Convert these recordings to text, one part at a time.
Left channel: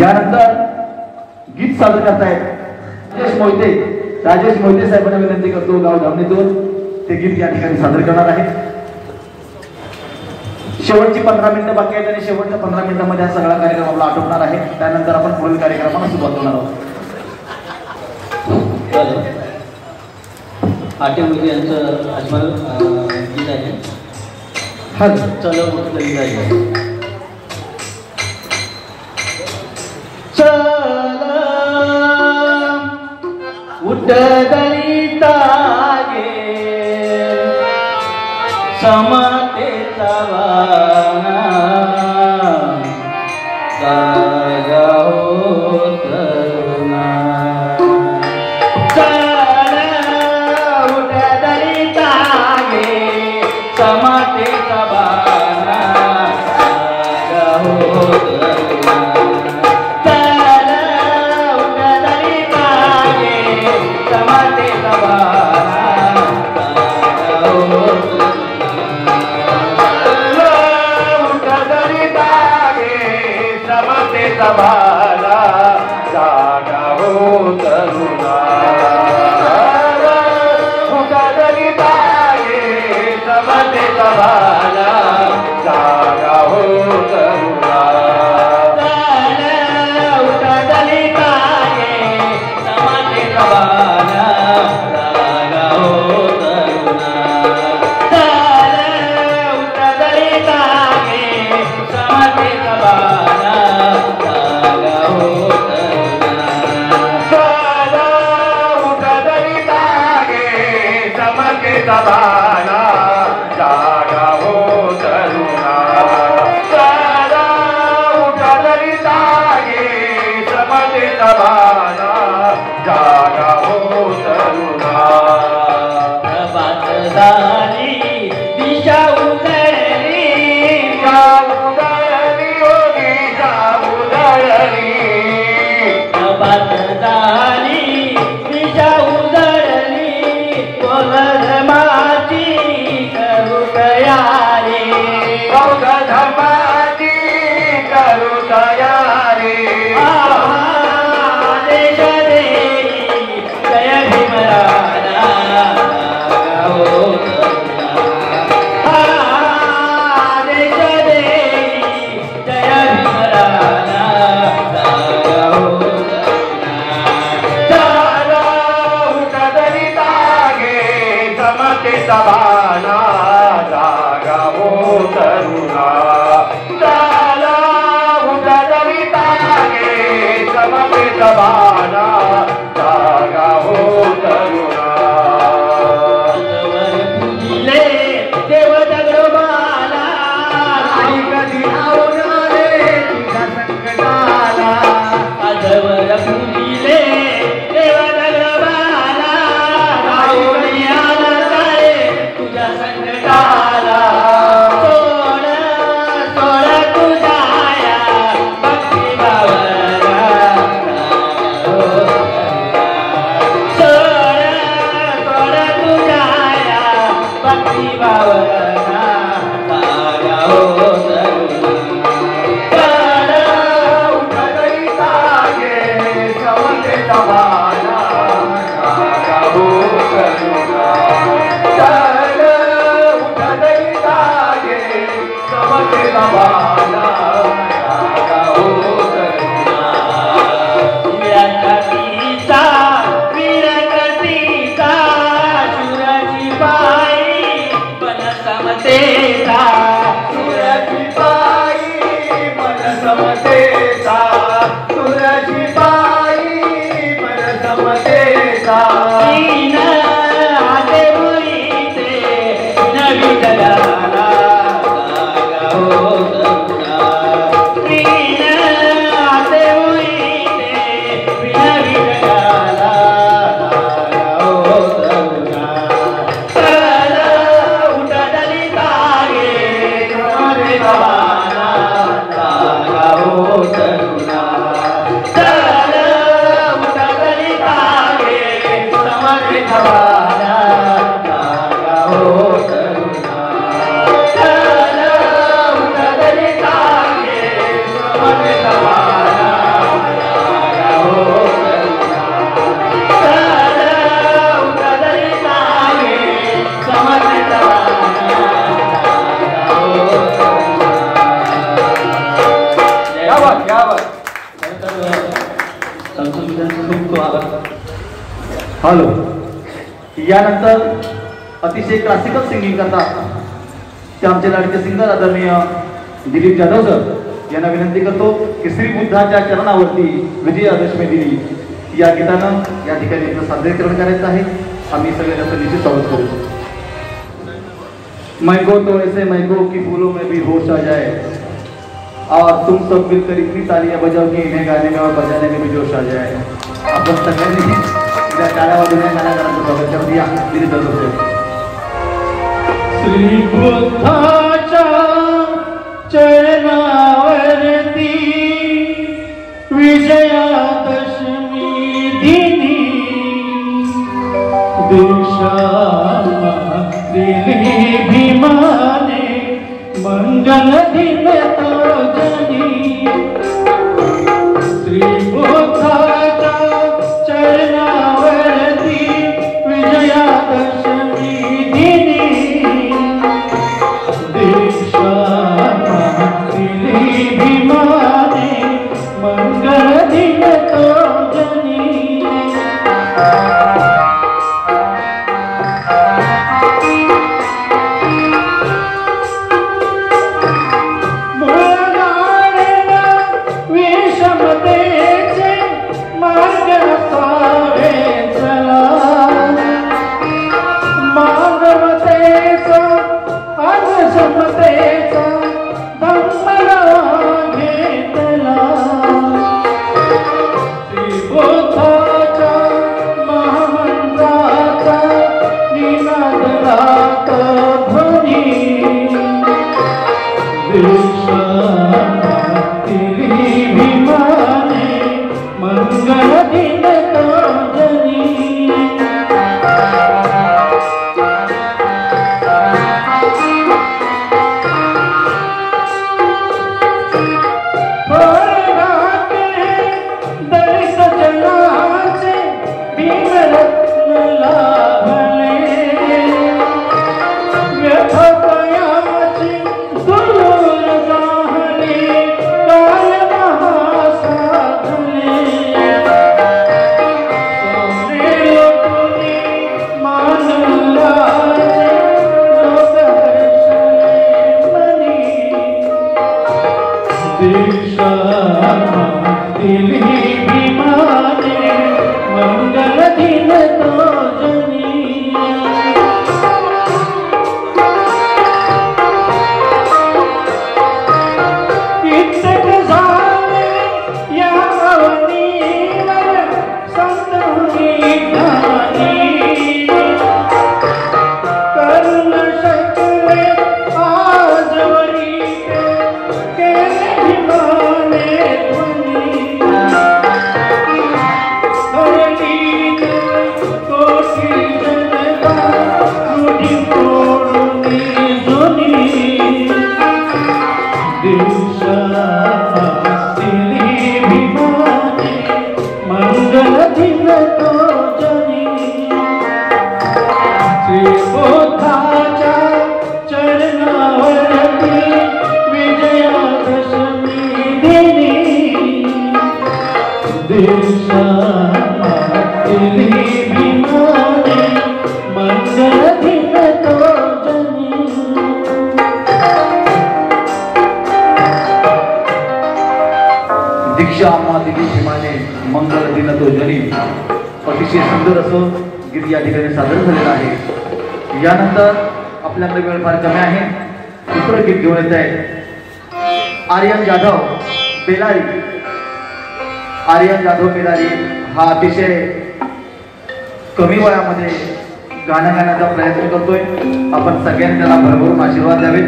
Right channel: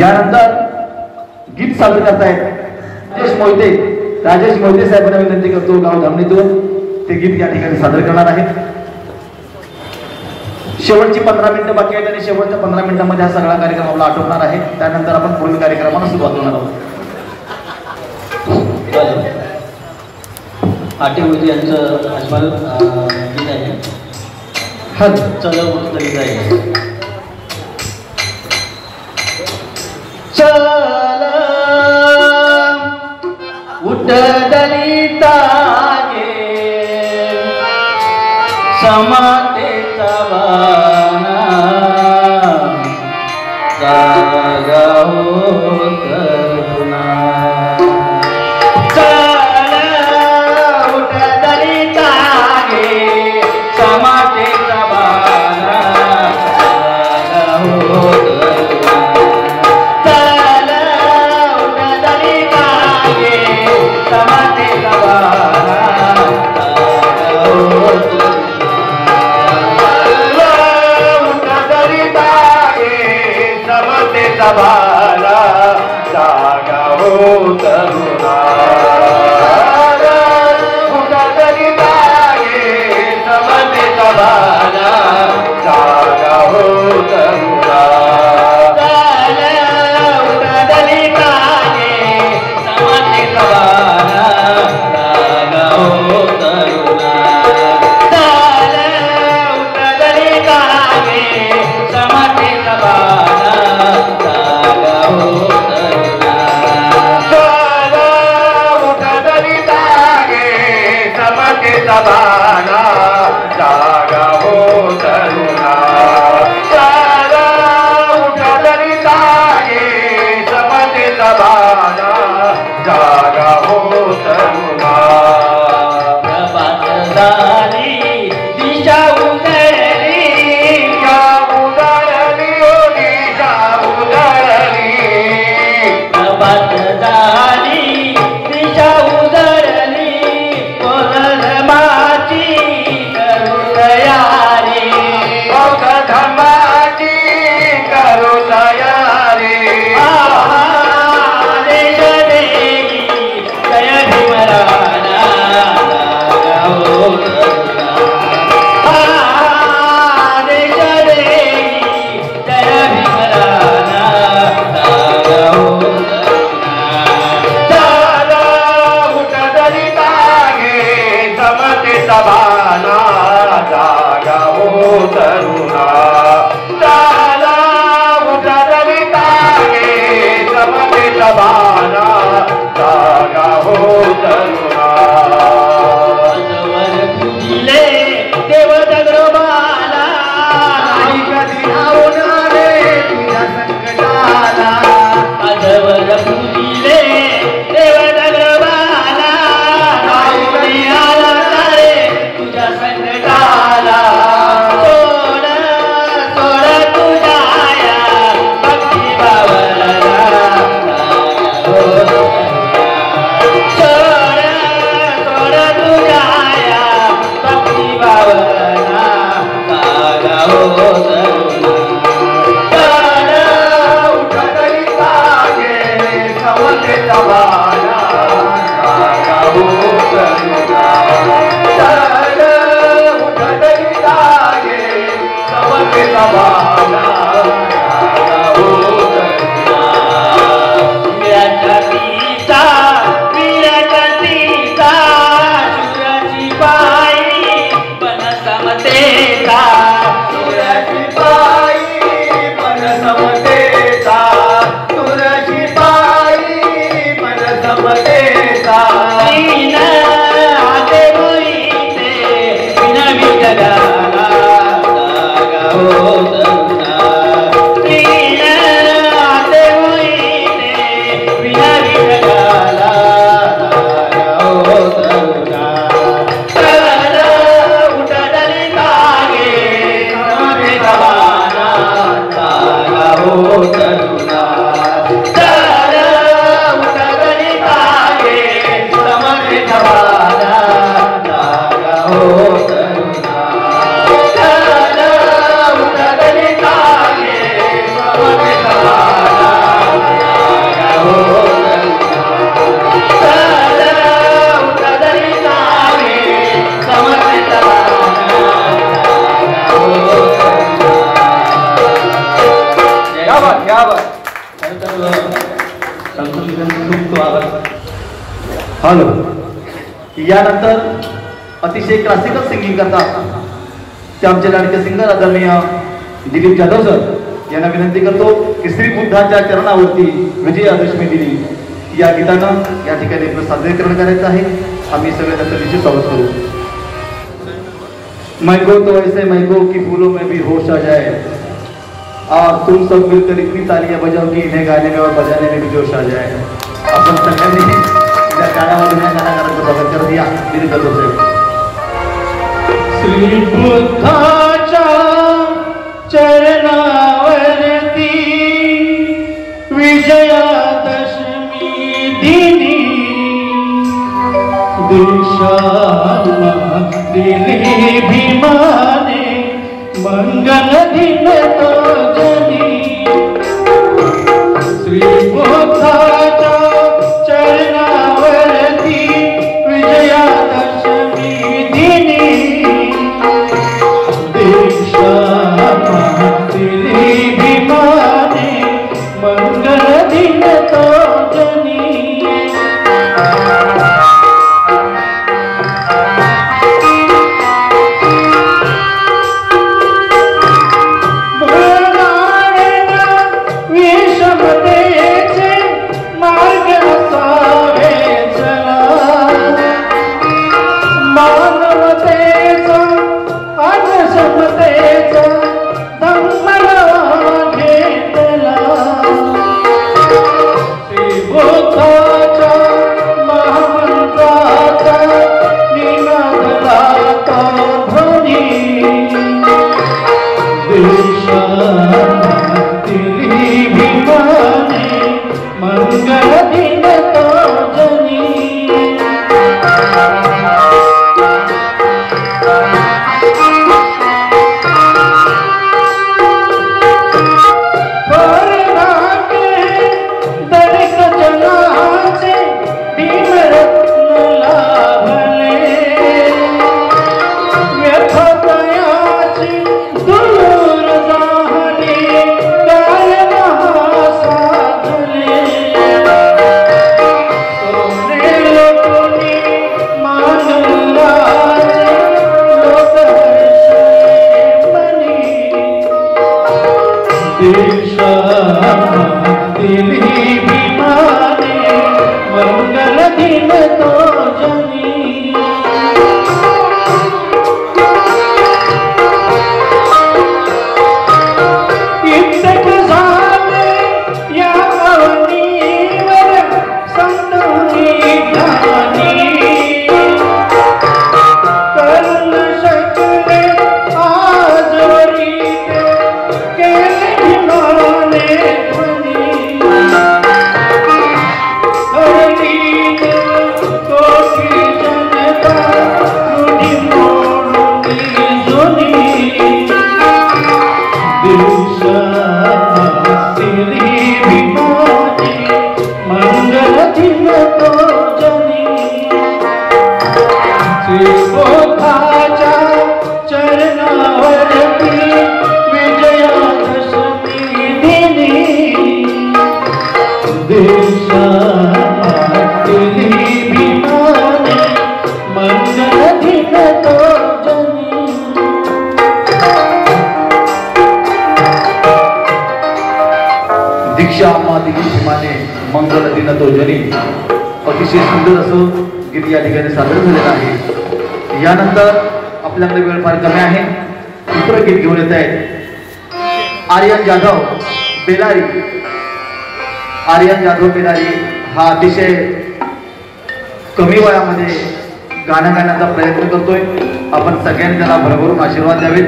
यानंतर गीत सादर करतायत राजेश मोहिते साहेबांना विनंती करतो गाव धामणीतून ते गीत या ठिकाणी सादर करणार आहे। शेवटची 15 मिनिटं बाकी आहेत आणि शेवटच्या 15 मिनिटांमध्ये हा सगळा कार्यक्रम आपला आटोपणार आहे। त्यानंतर आपण पुढील कार्यक्रमाला सुरुवात करणार आहोत। आटेमध्ये यांचं आजमाल गीत आहे। हा चल गीत आहे। चल उठ दलिता गे समातेचा वाना जागा हो तरुणा। चल उठ दलिता गे समातेचा वाना जागा हो तरुणा। चल उठ दलिता गे समातेचा वाना जागा हो बाला जागा हो तरुणा। उठदलिता गे समतेचा बाला जागा हो तरुणा। उठदलिता गे समतेचा बाला जागा हो तरुणा। उठदलिता गे समतेचा बाला बाला जागा हो तरुणा। चल उठ दलिता गे समतेचा बाला जागा हो तरुणा। प्रभात झाली दिशा उधळली दिशा उधळली। प्रभात झाली दिशा उधळली खूप खूप आभार. हॅलो. यानंतर अतिशय क्लासिकल सिंगिंग करतात ते आमचे लाडके सिंगर आदरणीय दिलीप जाधव सर यांना विनंती करतो की श्री बुद्धाच्या चरणावरती विजयादशमी दिनी या गीतानं या ठिकाणी आपलं सादरीकरण करायचं आहे. आम्ही सगळे त्याचं विशेष स्वागत करू. मैगो तो ऐसे मैगो की फूलों में भी होश आ जाए और तुम सब मिलकर इतनी तालियां बजाओ कि इन्हें गाने में और बजाने में भी जोश आ जाए. आपण सगळ्यांनी या गाण्यामध्ये गाण्याचं स्वागत करू या दिलीप जाधव सर. श्री बुद्धाच्या चरणावरती विजयादशमी दिनी दीक्षाला दिली भीमाने मंगल दिन तो जनी. श्री बुद्धाच्या चरणावरती विजयादशमी दिनी दीक्षाला दिली भीमाने मंगल दिन तो जनी. दीक्षा अम्मा दिली भीमाने मंगल दिन तो जनी. अतिशय सुंदर असं गीत या ठिकाणी सादर झालेलं आहे. यानंतर आपल्याकडे वेळ फार कमी आहे. दुसरं गीत घेऊन येत आहे आर्यन जाधव बेलारी. आर्यन जाधव बेलारी हा अतिशय कमी वयामध्ये गाणं गाण्याचा प्रयत्न करतोय. आपण सगळ्यांनी त्याला भरभरून आशीर्वाद द्यावे.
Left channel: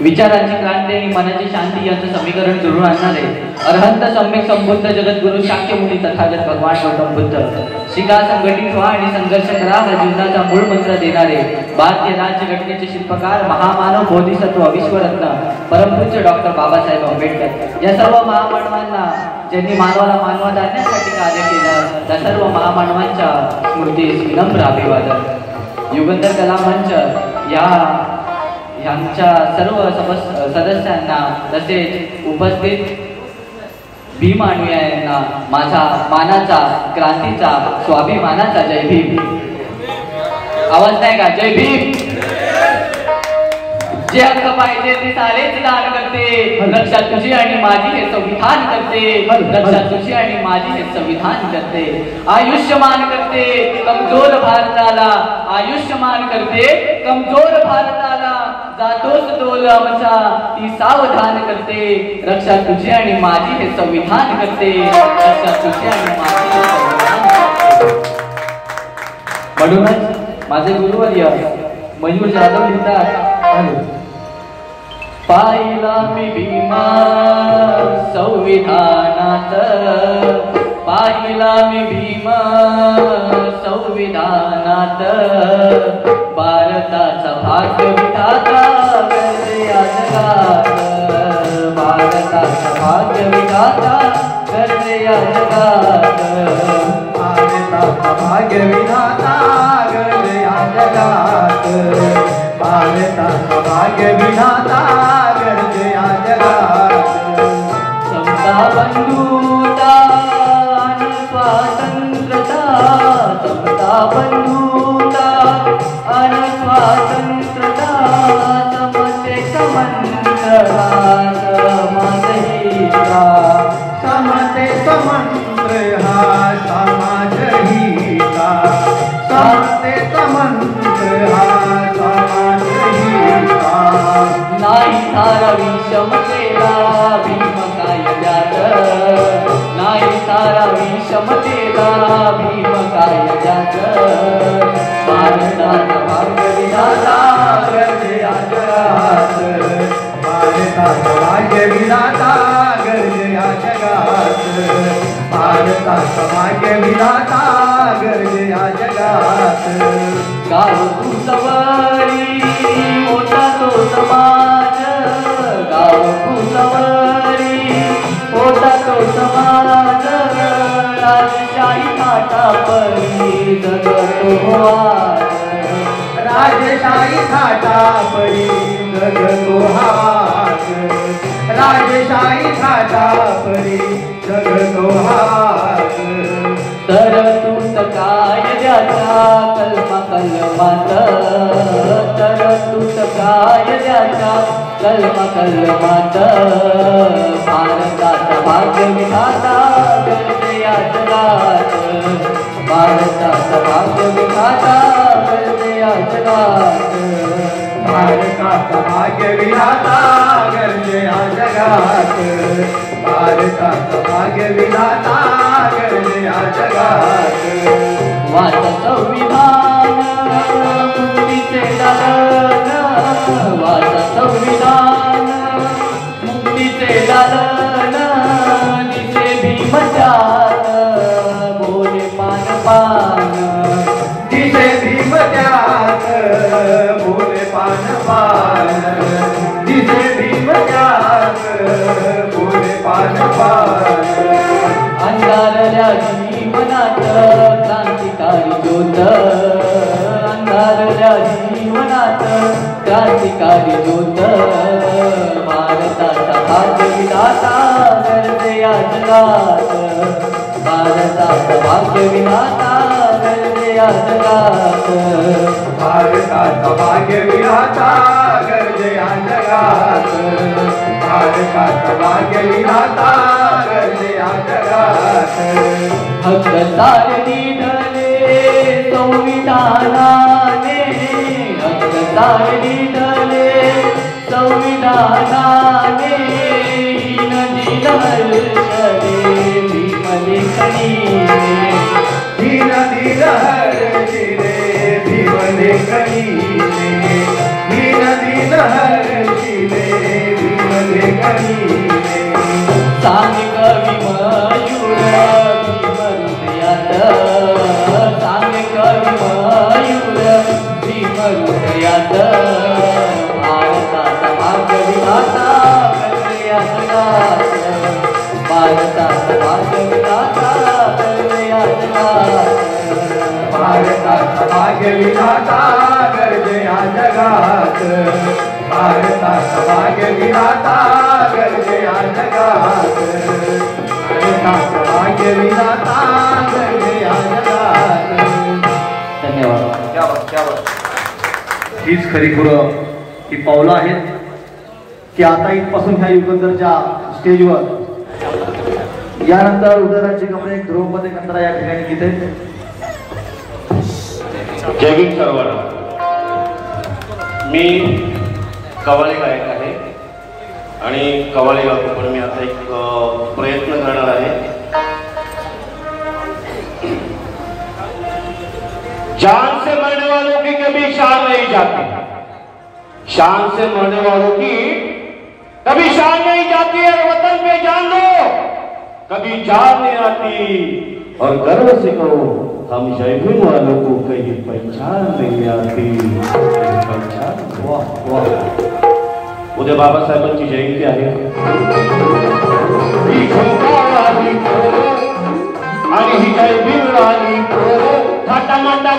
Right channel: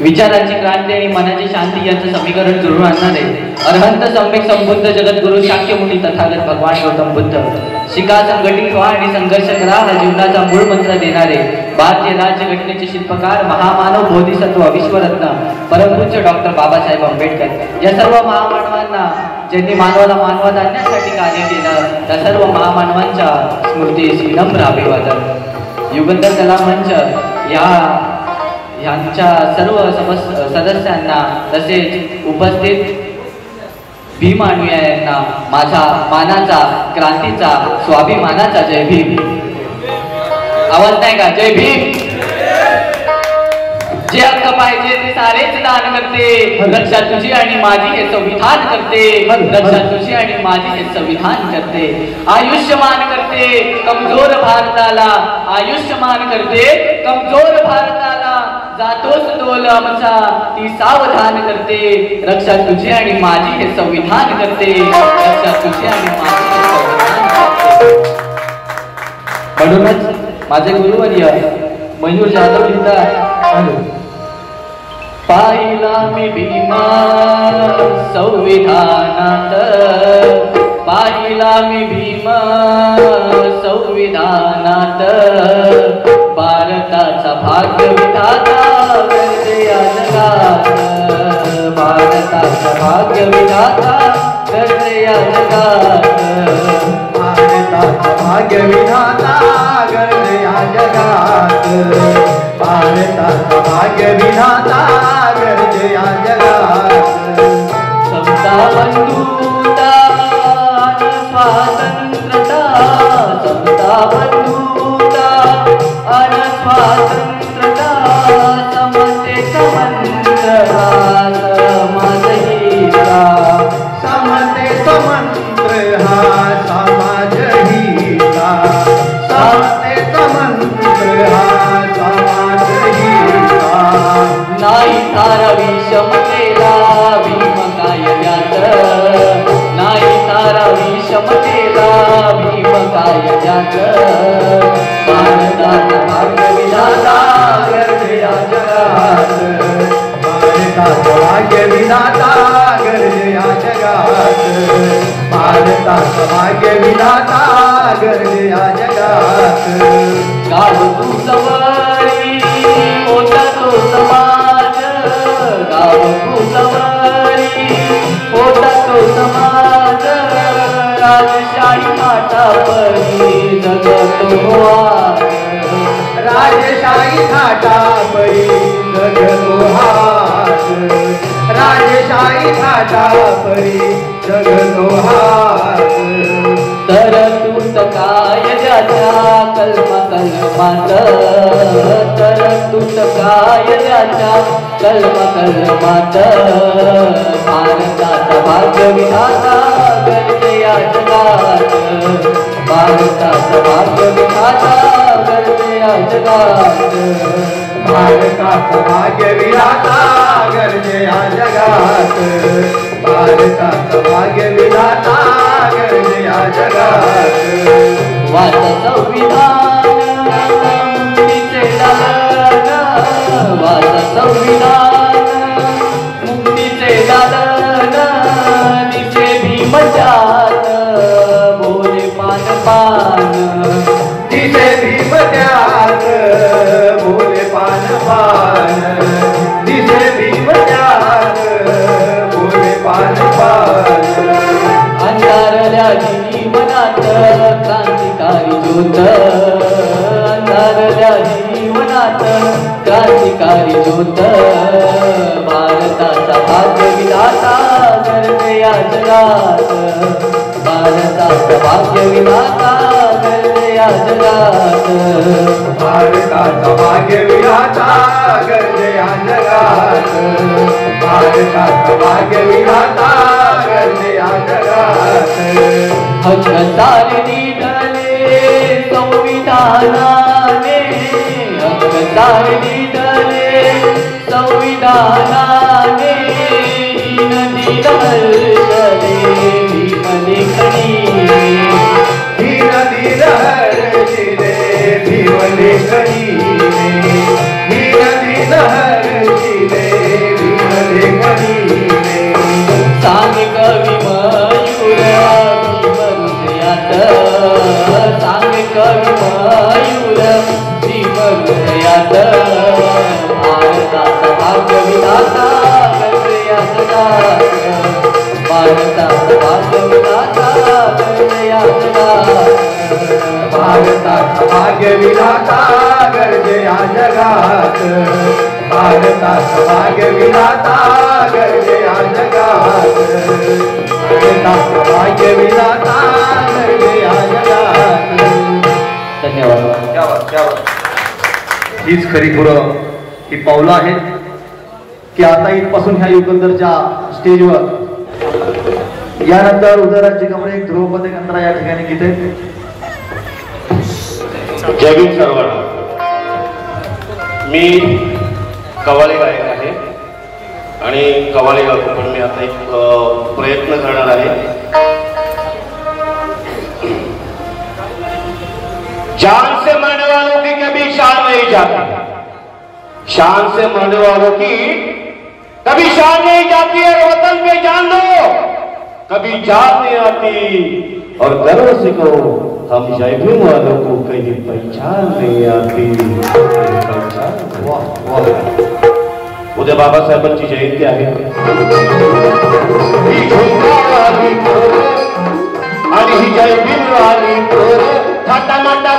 विचारांची क्रांती आणि मनाची शांती यांचे समीकरण जुळून आणणारे अरहंत सम्यक संबुद्ध जगद्गुरु शाक्यमुनी तथागत भगवान गौतम बुद्ध. शिका संघटित व्हा आणि संघर्ष करा हा जीवनाचा मूळ मंत्र देणारे भारतीय राज्यघटनेचे शिल्पकार महामानव बोधिसत्व विश्वरत्न परमपूज्य डॉक्टर बाबासाहेब आंबेडकर या सर्व महामानवांना ज्यांनी मानवाला मानवात आणण्यासाठी कार्य केलं त्या सर्व महामानवांच्या स्मृतीस विनम्र अभिवादन. युगंधर कला मंच यांच्या सर्व सदस्यांना तसेच उपस्थित भीम अनुयायांना यांना माझा मानाचा, क्रांतीचा, स्वाभिमानाचा जय भीम. आवाज नाही का? जय भीम. जे हक्क पाहिजे ते सारेच दान करते, रक्षा तुझी आणि माझी हे संविधान करते, रक्षा तुझी आणि माझी हे संविधान करते. आयुष्यमान करते कमजोर भारताला, आयुष्यमान करते कमजोर भारताला. जातोच डोल आमचा ती सावधान करते, रक्षा तुझी आणि माझी हे संविधान करते, रक्षा तुझी आणि माझी हे संविधान करते. म्हणूनच माझे गुरुवर्य मयूर जाधव लिहितात, पाहिला मी भीमा संविधानात, पाहिला मी भीमा संविधानात, भारताचा भाग्य विधाता करते जगात, भारताचा भाग्य विधाता करते जगात, भारताचा भाग्य विधाता करते जगात, भारताचा भाग्य विधाता करते जगात. समता बंधुता स्वातंत्र्यता, समता बंधुता आणि स्वातंत्र्यता, समते समंत्र समाज हिता, समते समंत्र हा समाज हिता, समते समंत्र हा समाज हिता. नाही सारा विषमतेला भीम कायद्यात, नाही सारा विषमतेला भीम कायद्यात, भारताचा भाग्य विधाता करते जगात, भारताचा भाग्य विधाता करते जगात, भारताचा भाग्य विधाता करते जगात. गाव तू सवारी होता तो समाज, गाव तू सवारी होता तो समाज, राजशाही माता परी जगतो आज, राजशाही घाटा परी जगतो हात, राजशाही घाटा परी जगतो हात. तर तूच कायद्याचा कलमा कलमात, तर तूच कायद्याचा कलमा कलमात, भारताचा भाग्य विधाता करते या जगात, भारताचा भाग्य विधाता करते या जगात, भारताचा भाग्य विधाता करते जगात, भारताचा भाग्य विधाता करते जगात. वाच संविधान मुक्तीचे दालन, वाच संविधान मुक्तीचे दालन, दिसे भीम त्यात बोले पान पान, दिसे भीम त्यात बोले पान पान, दिसे भीम त्यात बोले पान पान. अंधारल्या जीवनात क्रांतिकारी ज्योत, अंधारल्या जीवनात क्रांतिकारी ज्योत, भारताचा भाग्य विधाता करते या जगात, भारताचा भाग्य विधाता करते या जगात, भारताचा भाग्य विधाता करते जगात, भारताचा भाग्य विधाता करते जगात. हक्क सारणी धरले संविधानाने, हक्क सारणी धरले संविधानाने, हीन दिल हर्षले भीम लेखनीने, ही नदी लहरशिरे भीम लेखनीने, ही नदी लहरशिरे भीम लेखनीने. सांग कवी मयूर भीम हृदयात, सांग कवी मयूर भीम हृदयात, भारताचा भाग्य विधाता करते या जगात, भारताचा भाग्य विधाता करते या जगात, भारताचा भाग्य विधाता करते जगात. जगात भारतात भाग्यविधाता घडले या जगात भारतात भाग्यविधाता घडले या जगात. धन्यवाद. हीच खरी खुरं ही पावलं आहेत की आता इथपासून ह्या युगंधरच्या स्टेजवर यानंतर उदयराजे कमळे ध्रुवपदे कंत्रा या ठिकाणी गीते. जय भीम सर्वांना. मी कव्वाली गायक आहे आणि कव्वाली गातो, पण मी आता एक प्रयत्न करणार आहे. जान से मरने वालों की कभी शान नहीं जाती, शान से मरने वालों की कभी शान नहीं जाती, और वतन पे जान दो कभी जान नहीं आती, और गर्व से कहो हम जय भीम वालों को कहीं पहचान नहीं आती. उद्या बाबासाहेबांची जयंती आहे आणि ही जय भीम वाली थाटामाटा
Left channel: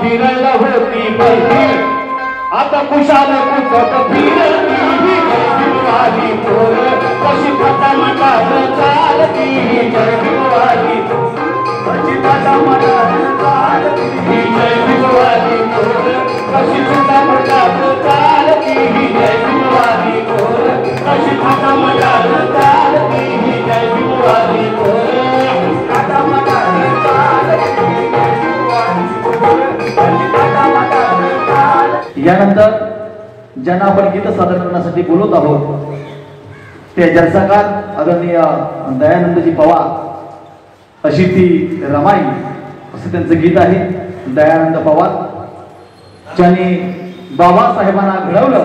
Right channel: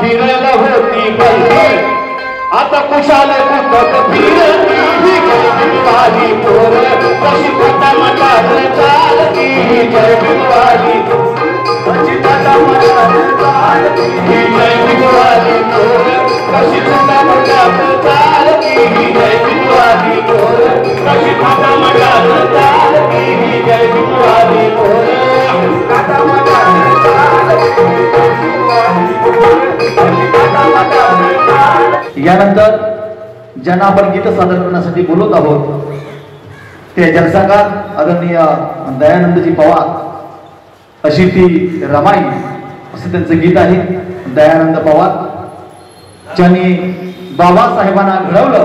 फिरायला होती बंदी, आता कुशाल कुठं फिरती ही जयभीमवाली पोर कशी थाटामाटात चालती. जयभीमवाली कशी थाटामाटात चालती, जयभीमवाली पोर कशी थाटामाटात चालती, जयभीमवाली पोर कशी थाटामाटात चालती, जयभीमवाली पोर थाटामाटात चालती. यानंतर ज्यांना आपण गीत सादर करण्यासाठी बोलवत आहोत ते जनसंघात आदरणीय दयानंदजी पवार अशी ती रमाई असं त्यांचं गीत आहे. दयानंद पवार ज्यांनी बाबासाहेबांना घडवलं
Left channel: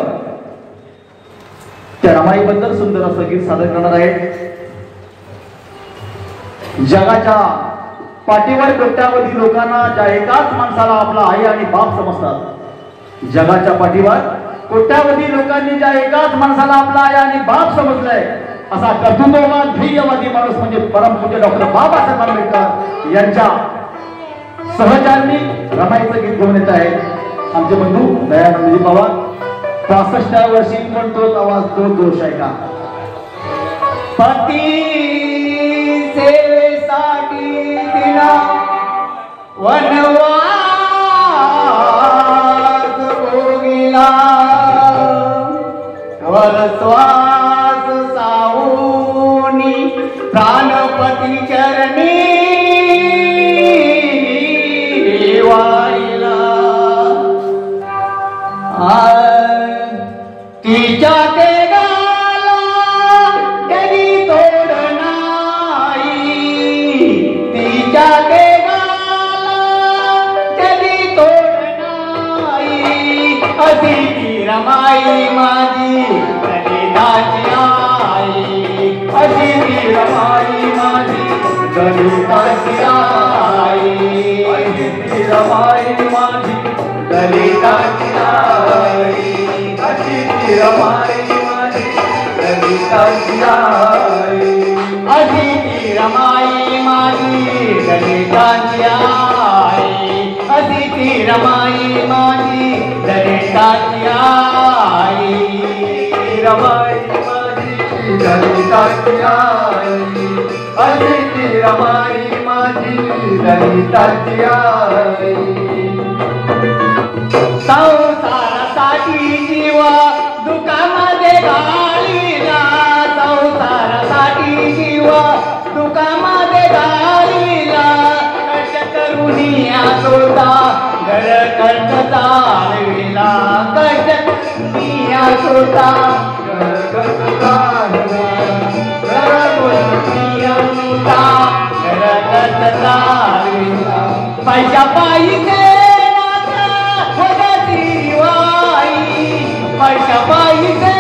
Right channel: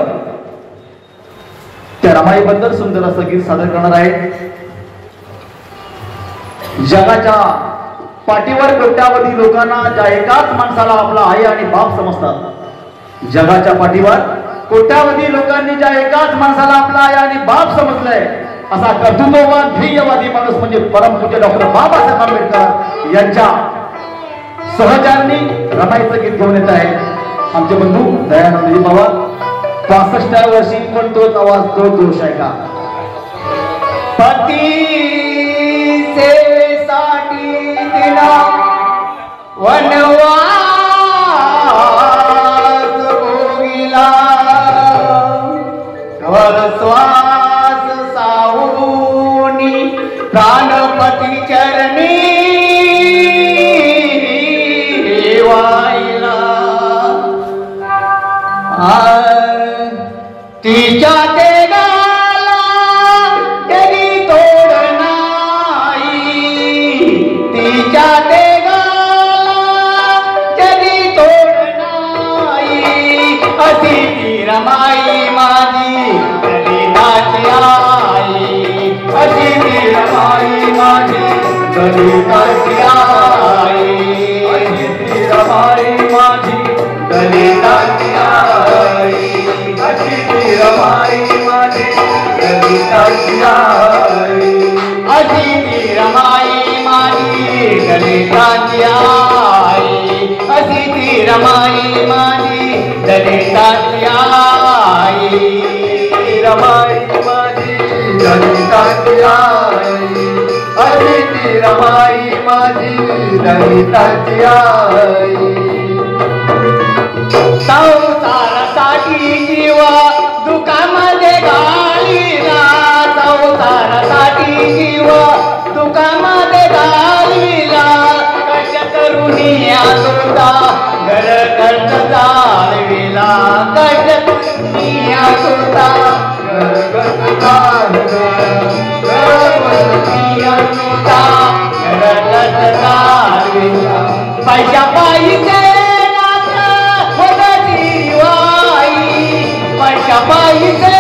त्या रमाईबद्दल सुंदर असं गीत सादर करणार आहे. जगाच्या पाठीवर कोट्यावधी लोकांना ज्या एकाच माणसाला आपला आई आणि बाप समजतात, जगाच्या पाठीवर कोट्यावधी लोकांनी ज्या एकाच माणसाला आपला आई आणि बाप समजलंय असा कर्तृत्ववान ध्येयवादी माणूस म्हणजे परमपूज्य डॉक्टर बाबासाहेब आंबेडकर यांच्या सहचारणी रमाईचं गीत घेऊन येत आहे आमचे बंधू दयानंदजी पवार. 65व्या वर्षी पण तोच आवाज तो जोश आहे का. पती सेवेसाठी दिला वनवास भोगिला, श्वास साऊनी प्राणपती चरणी वाहिला. तिच्या तेगाला तरी तोड नाही, तिच्या तेगाला तरी तोड नाही, अशी ती रमाई माझी दलिताची आई, अशी ती रमाई माझी दलिताची आई, अशी ती रमाई माझी दलिताची आई, अशी ती रमाई रमाई माझी ललिताची आई संसारासाठी जीव दुःखामध्ये घालिला संसारासाठी जीव दुःखामध्ये घालिला कष्ट तरुणिया सोडा घर कर्ज चालविला कष्ट तरुणिया सोडा घर कर्ज चालविला पैसा पाहिजे पैसा पाहिजे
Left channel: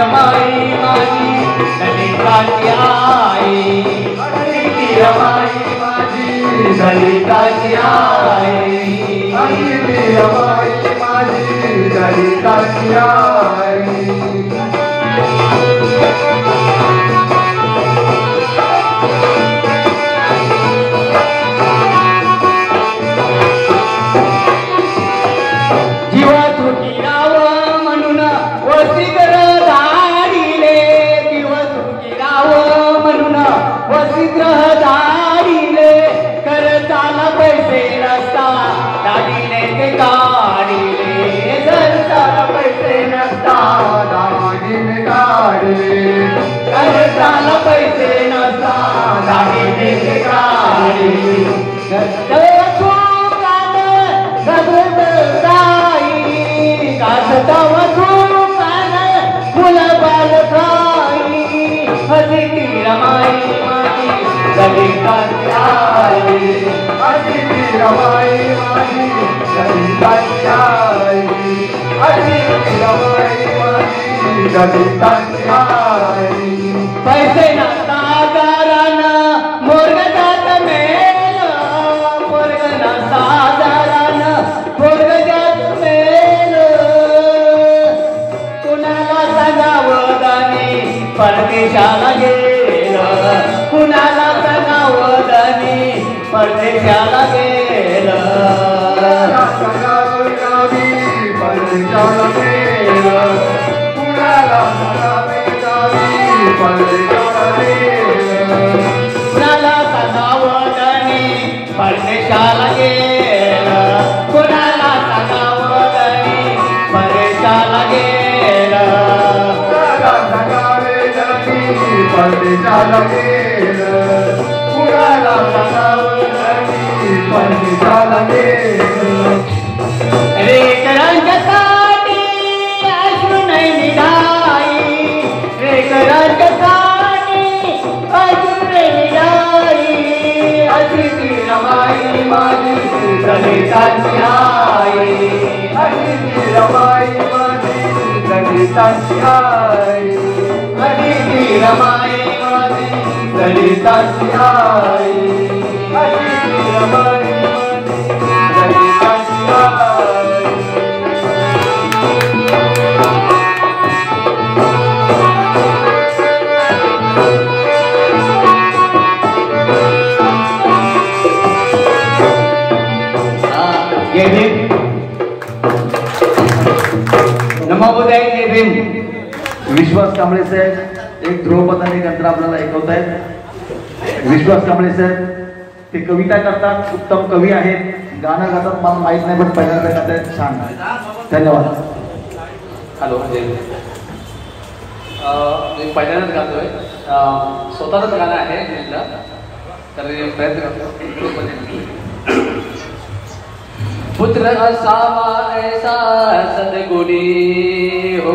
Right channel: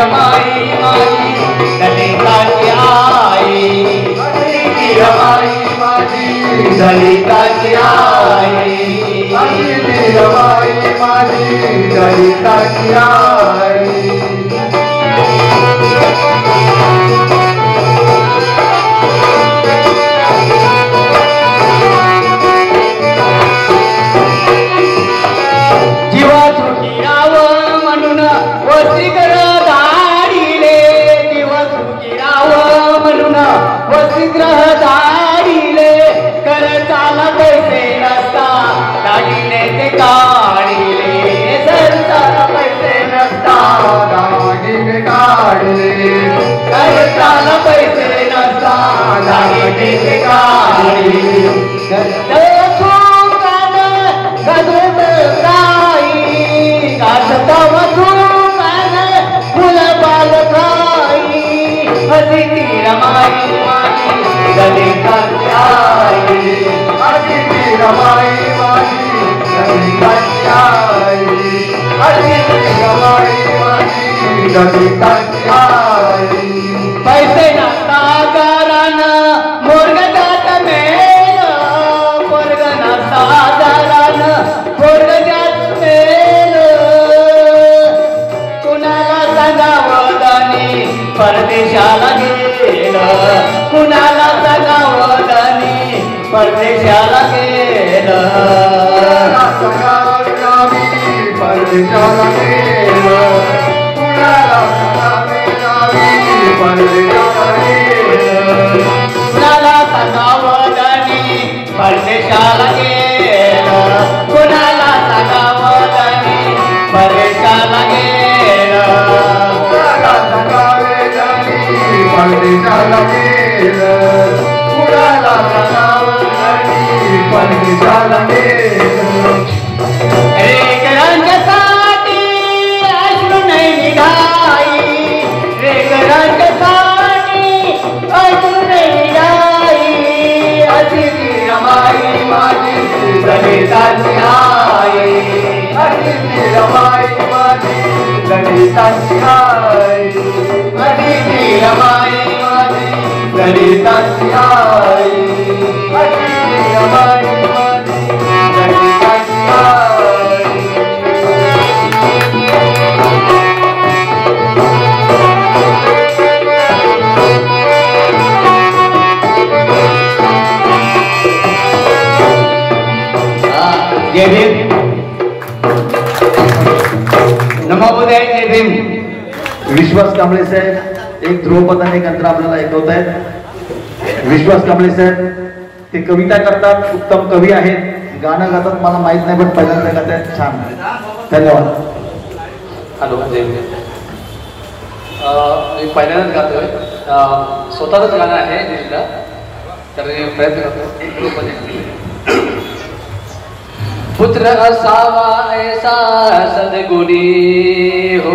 रमाई माझी ललिताची आई रमाई माझी ललिताची आई रमाई माझी ललिताची आई पैसे नातागारान मोरगजात मेल मोरग नातागारान मोरगजात मेल कुणाला सांगावदानी परदेशाला गेलं कुणाला सांगावदानी परदेशाला गेलं परदेशाला गेलं कुणाला सांगावदानी परदेशाला गेलं कुणाला सांगावदानी परदेशाला गेलं कुणाला सांगावदानी परदेशाला गेलं कुणाला सांगावदानी परदेशाला गेलं रेकरांच्यासाठी अश्रू नाही निघाई रेकरांच्यासाठी अश्रू नाही निघाई अतिथी रमाई माझी ललिताची आई अतिथी रमाई माझी ललिताची आई अतिथी रमाई माझी ललिताची आई अतिथी रमाई माझी ललिताची आई जय भीम नमोबुद्धाय जय भीम विश्वास कांबळे साहेब एक ध्रुवपदाने एक अंतर आपल्याला ऐकवत आहेत विश्वास कांबळे साहेब ते कविता करतात उत्तम कवी आहेत गाणं गातात मला माहित नाही पण पहिल्यांदा गातात छान धन्यवाद हॅलो जय भीम मी पहिल्यांदाच गातोय स्वतःच गाणं आहे दिलला तर प्रयत्न करतो पुत्र असावा ऐसा सदगुणी हो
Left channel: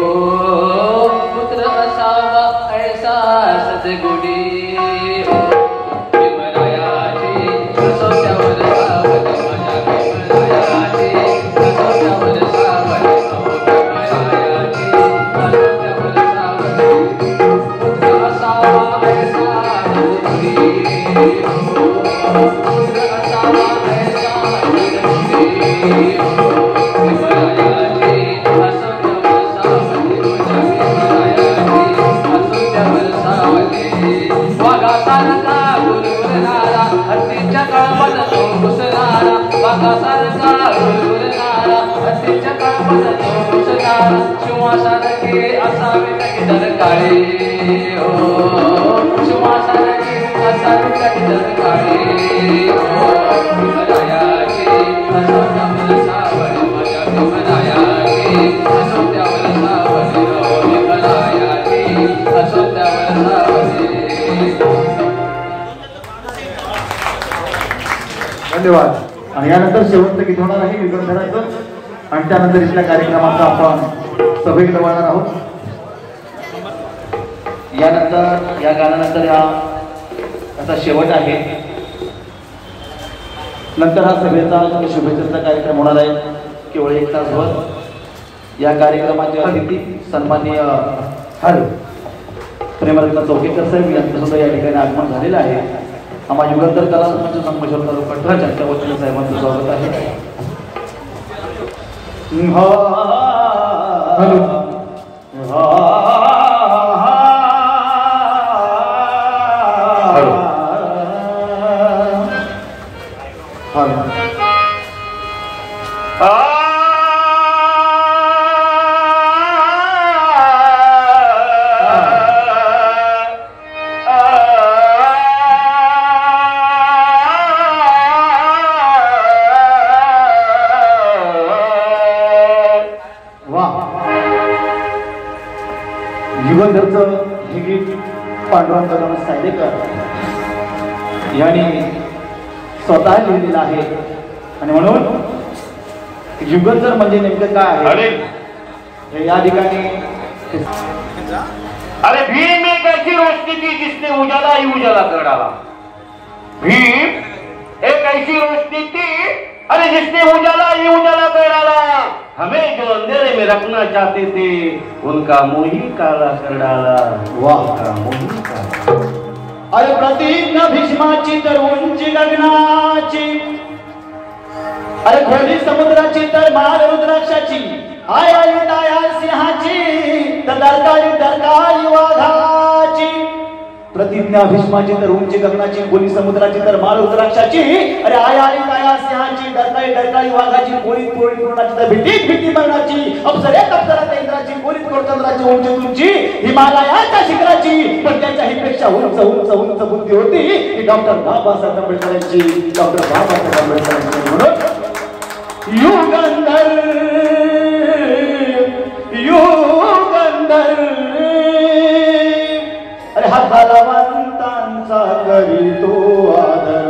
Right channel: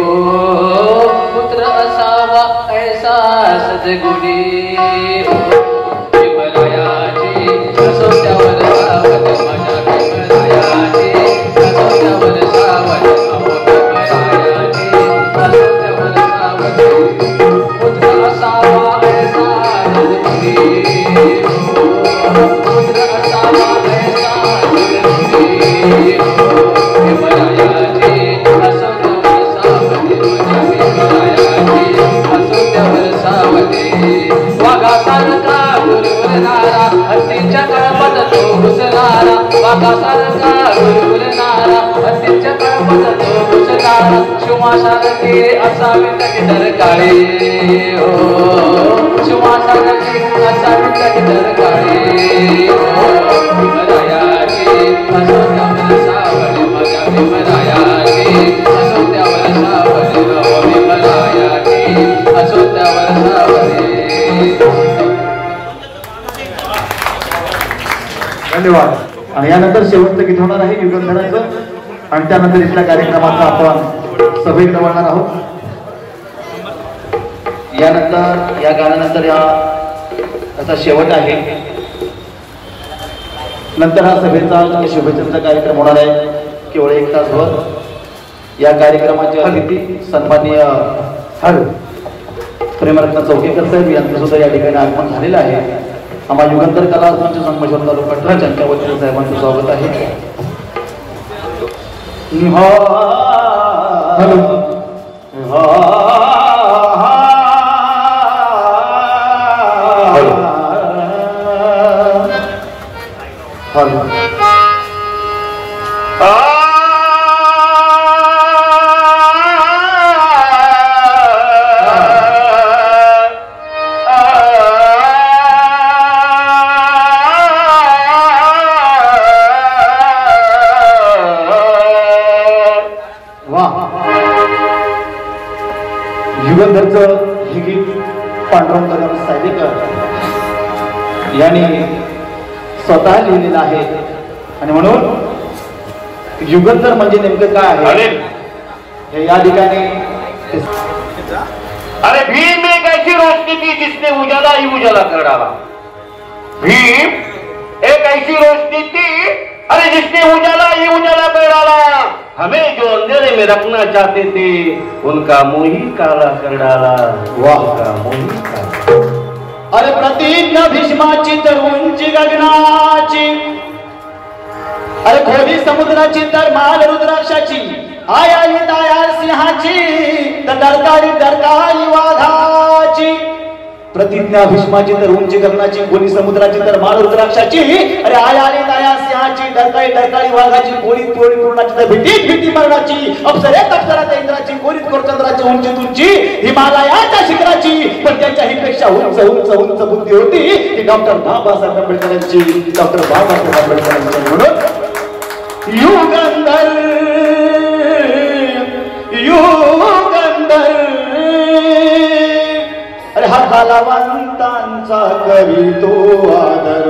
पुत्र असावा ऐसा सदगुणी हो विमलायाची कसोट्यावर सावध माझ्या विमलायाची कसोट्यावर सावध विमलायाची कसोट्यावर सावध पुत्र असावा ऐसा सदगुणी हो पुत्र असावा ऐसा असावे धन्यवाद. आणि यानंतर शेवटचं गीत होणार आहे युगंधराचं आणि त्यानंतर इथल्या कार्यक्रमाचा आपण सभेत वळणार आहोत. यानंतर या गाण्यानंतर याचा शेवट आहे. नंतर हा सभेचा शुभेच्छेचा कार्यक्रम होणार आहे केवळ 1 तासभर. या कार्यक्रमाचे अतिथी सन्माननीय प्रेमरत्न चौकेकर साहेब यांचं सुद्धा या ठिकाणी आगमन झालेलं आहे. आम्हा युगंधर कला मंच संमेश्वर तालुका कटरा यांच्या वतीने साहेबांचं स्वागत आहे. युगंधरचं हे गीत पांडुरंग कदम सायदेकर यांनी स्वतः लिहिलेलं आहे. आणि म्हणून युगंधर म्हणजे नेमकं काय आहे हे या ठिकाणी. अरे भीम एक ऐसी रोशनी थी जिसने उजाला ही उजाला कर डाला. भीम एक ऐसी रोशनी थी अरे जिसने उजाला ही उजाला कर डाला. हमें जो अंधेरे में रखना चाहते थे उनका मुंह ही काला कर डाला. वाह का मुंह ही काला. अरे प्रतिज्ञा भीष्माची तर उंची गगनाची. अरे खोली समुद्राची तर माल रुद्राक्षाची. आय आई ताया सिंहाची तर डरकाळी वाघाची. प्रतिज्ञा भीष्माची तर उंची गगनाची. खोली समुद्राची तर माल रुद्राक्षाची. अरे आय आई ताया सिंहाची डरकाळी वाघाची. गोळीत तोडी पूर्णाची तर भीती मरणाची. अप्सरेत अप्सराच्या इंद्राची. गोळीत कोरचंद्राची उंची तुंची हिमालयाच्या शिखराची. पण त्यांच्या ही पेक्षा उंच बुद्धी होती की डॉक्टर बाबासाहेब आंबेडकर यांची. डॉक्टर बाबासाहेब आंबेडकर यांची. म्हणून युगंधर अरे हा कलावंतांचा करीतो आदर.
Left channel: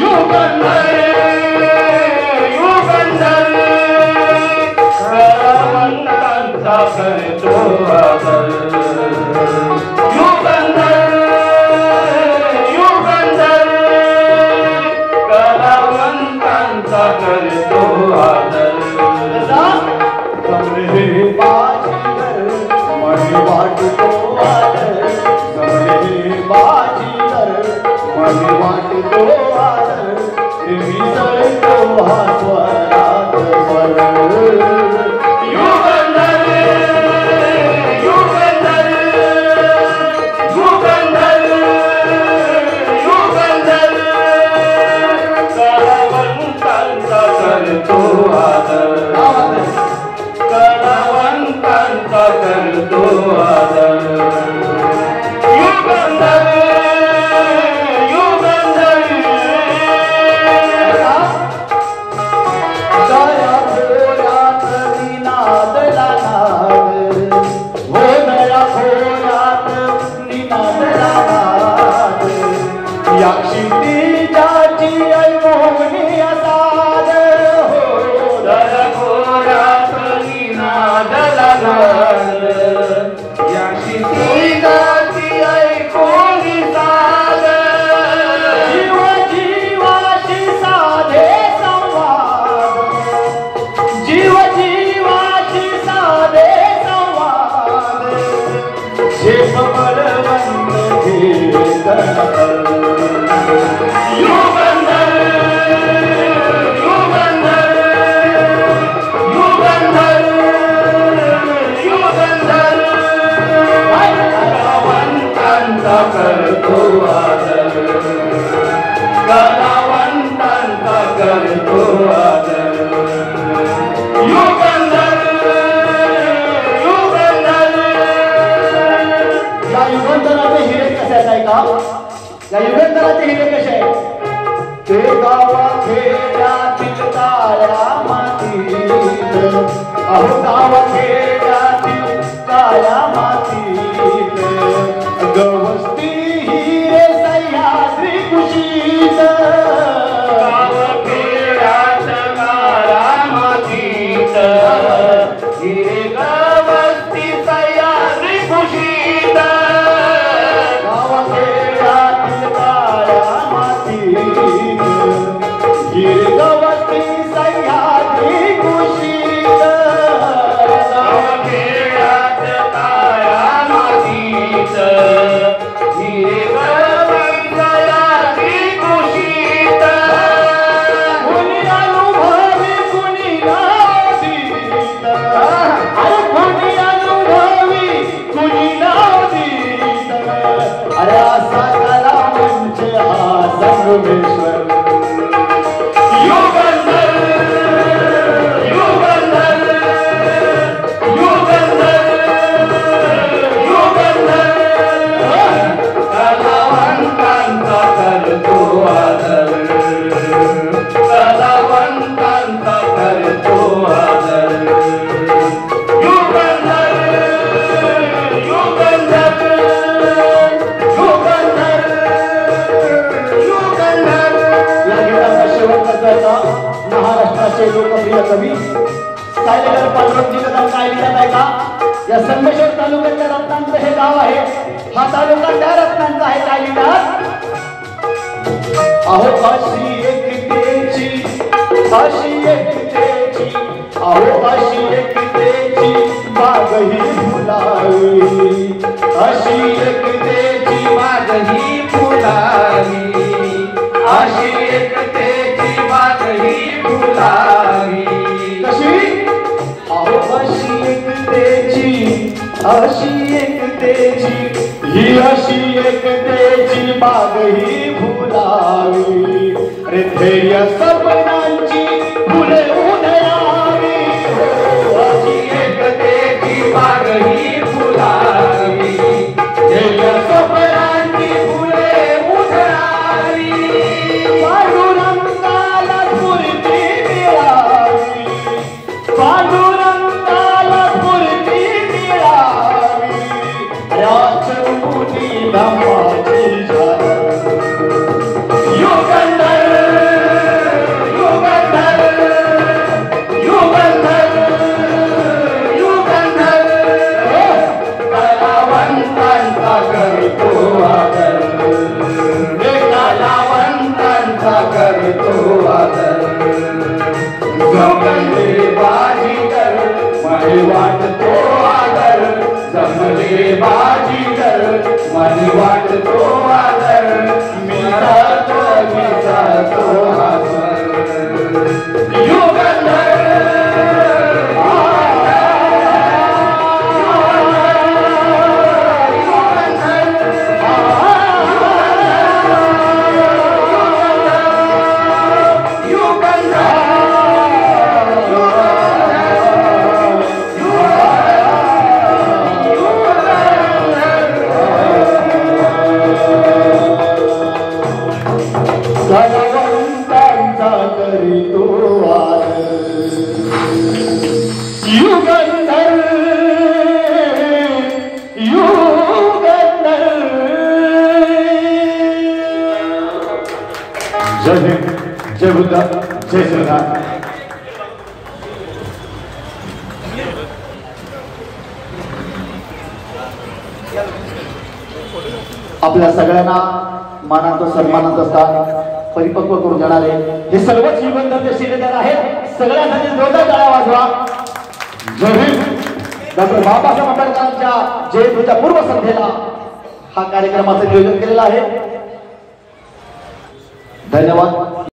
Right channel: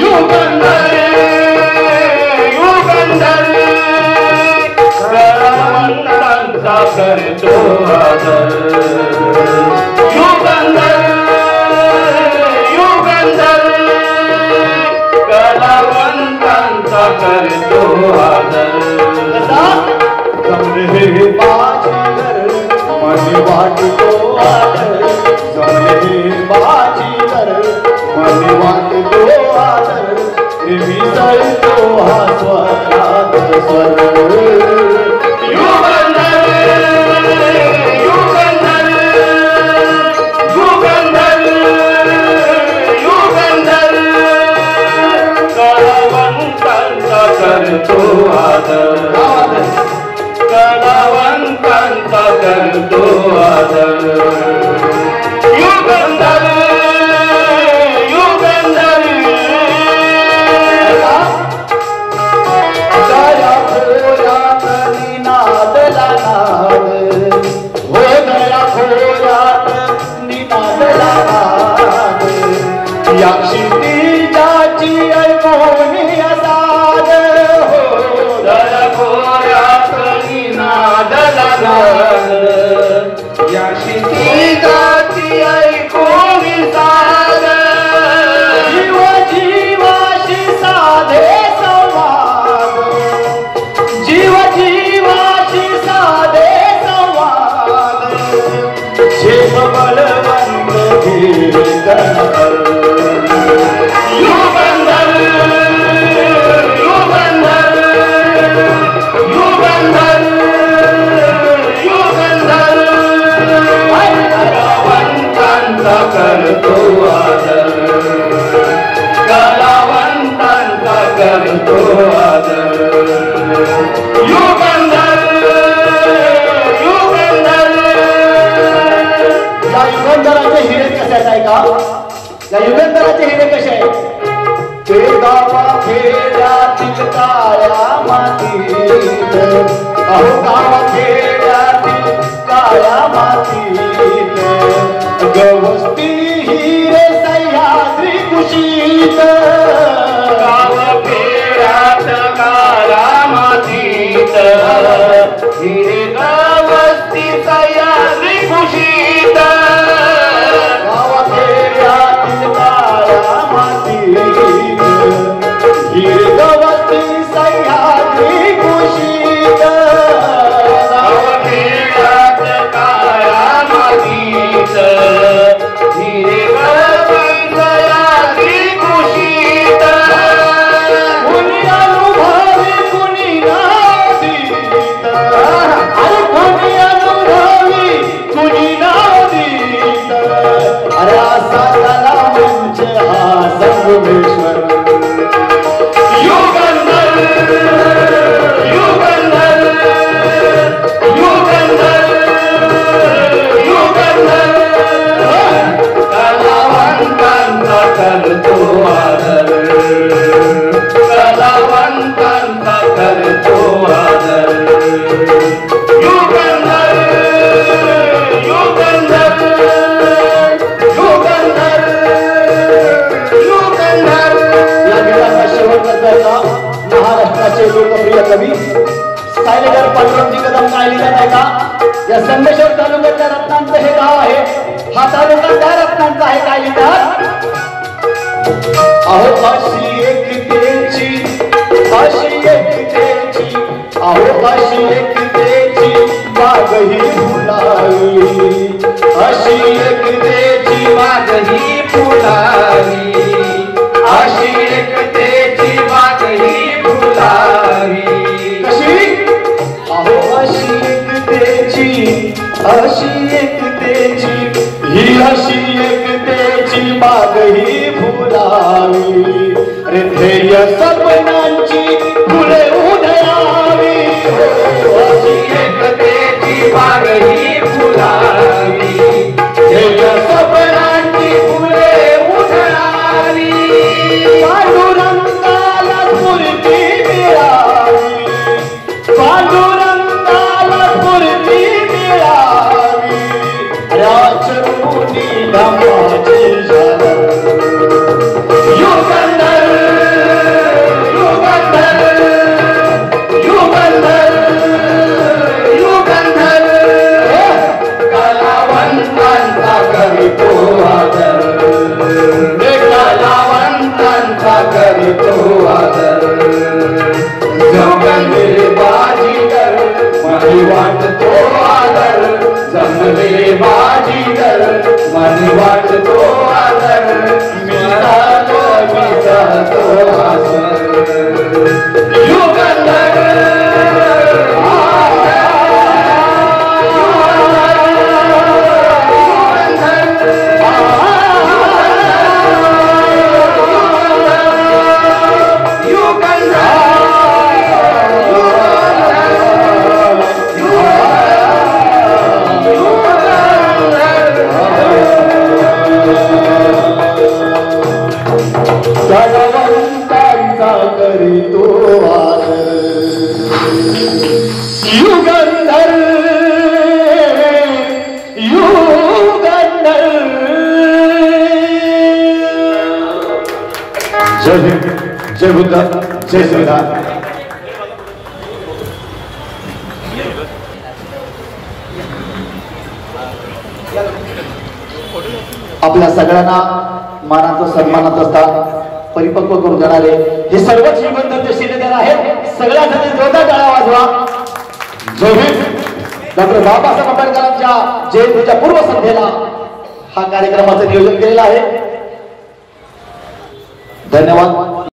युगंधर कलावंतांचा करतो आदर. युगंधर कलावंतांचा करतो आदर. जमले बाजीगर मनी वाटतो आदर. जमले बाजीगर मनी वाटतो आदर. मिसळतो हा स्वरात स्वर. युगंधर कलावंतांचा करतो आदर. कलावंतांचा करतो आदर. युगंधर गावाखेड्यातील काळ्या मातीत, अहो गावाखेड्यातील काळ्या मातीत गवसती हिरे सह्याद्री कुशीत, गावखेड्यात काळ्या मातीत हिरे गवसती सह्याद्री कुशीत, गावाखेड्यातील काळ्या मातीत हिरे गवसती सह्याद्री कुशीत, गावखेड्यात काळ्या मातीत हिरे गवसती सह्याद्री कुशीत, कुणी अनुभवी कुणी नाव देत, अरे कुणी अनुभवी कुणी नाव देत, अरे असा कला मंच हा संगमेश्वर, युगंधर युगंधर युगंधर युगंधर कलावंतांचा करतो आदर, कलावंतांचा करतो आदर, युगंधर युगंधर युगंधर युगंधर. या विलासा शेवटचा महाराष्ट्राचे लोकप्रिय कवी सायलेकर पांडुरंगजी कदम कायलीला नाही का? या संगमेश्वर तालुक्यातल्या रत्नांचं हे गाव आहे, हा तालुका त्या रत्नांचा आहे कायलीला. अहो अशी एकतेची, अशी एकतेची, अहो अशी एकतेची बागही फुलावी, अशी एकतेची बागही फुलावी, अशी एकतेची बागही फुलावी, कशी? अहो अशी एकतेची, अशी एकतेची, ही अशी एकतेची बागही फुलावी, रे ध्येय सपनांची फुले उधळावी, अशी एकतेची बागही फुलावी, ध्येय सपनांची फुले उधळावी, पांडुरंगाला स्फूर्ती मिळावी, पांडुरंगाला स्फूर्ती मिळावी, राजमुनी धामाची शान. युगंधर युगंधर युगंधर युगंधर कलावंतांचा करतो आदर, कलावंतांचा करतो आदर, जमले बाजीगर मनी वाटतो आदर, जमले बाजीगर मनी वाटतो आदर, मिळतो मिळतो आस्वर, युगंधर कलावंतांचा करीतो आदर, युगंधर युगंधर. जय भीम, जय बुद्ध, जय श्रीराम. आपल्या सगळ्यांना मानाचं सन्मानात असतात परिपक्व करून जाणारे हे सर्वच युगंधर शिलेदार आहेत. सगळ्यांसाठी जोरदार टाळ्या वाजवा. जय भीम. डॉक्टर बाबासाहेब आंबेडकरांच्या जयंतीच्या पूर्वसंध्येला हा कार्यक्रमाचं नियोजन केलेलं आहे. धन्यवाद.